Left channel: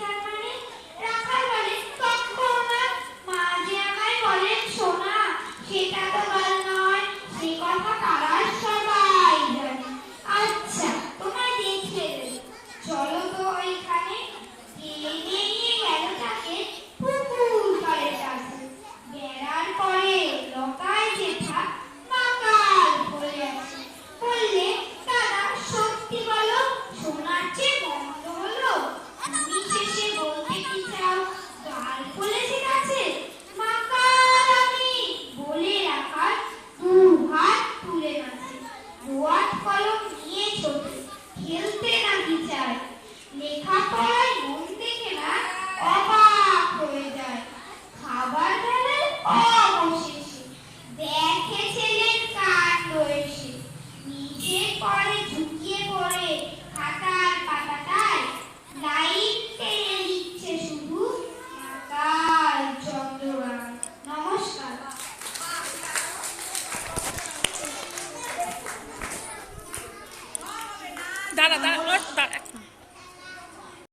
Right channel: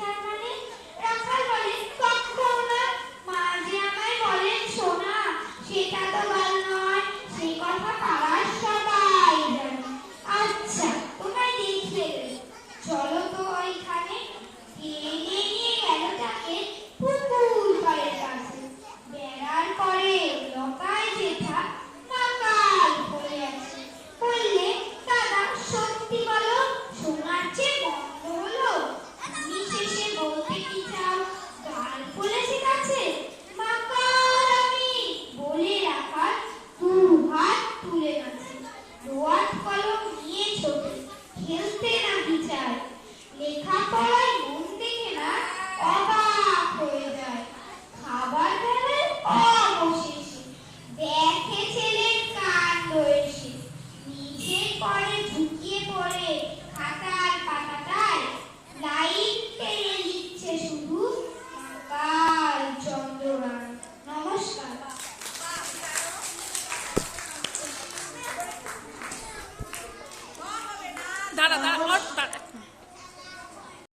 তার মানে? রাখাল বলে, কখনো না। মা যে আমায় বলেন সোনা, সেটা তো গাল নয়, সে কথা পাড়ার সবাই জানে। আচ্ছা, তোমায় দেখলে চলো তো ওইখানে। টেনে নিয়ে গেল তাকে পুকুর পাড়ের কাছে। বেড়ার পরে লতায় জেঠা মাকাল পড়ে আছে। বললে, দাদা সত্যি বলো, সোনার চেয়ে মন্দ হলো? তুমি শেষে বলতে কি চাও, গাল ফুলেছে গাছে? মাকাল আমি বলে রাখার দু হাত তুলে নাচে। দোয়াত কলম নিয়ে ছোটে, খেলতে নাকি চায়। লেখাপড়ায় মন দেখে না অবাক হয়ে যায়। খাবার বেলায় অবশেষে দেখে ছেলের কাণ্ড এসে। নিচে পড়ে ঝুঁকিয়ে পড়ে খাতার পাতাটায় লাইন টেনে লিখছে শুধু মাকাল চন্দ্ররায়। নমস্কার। দাঁড়া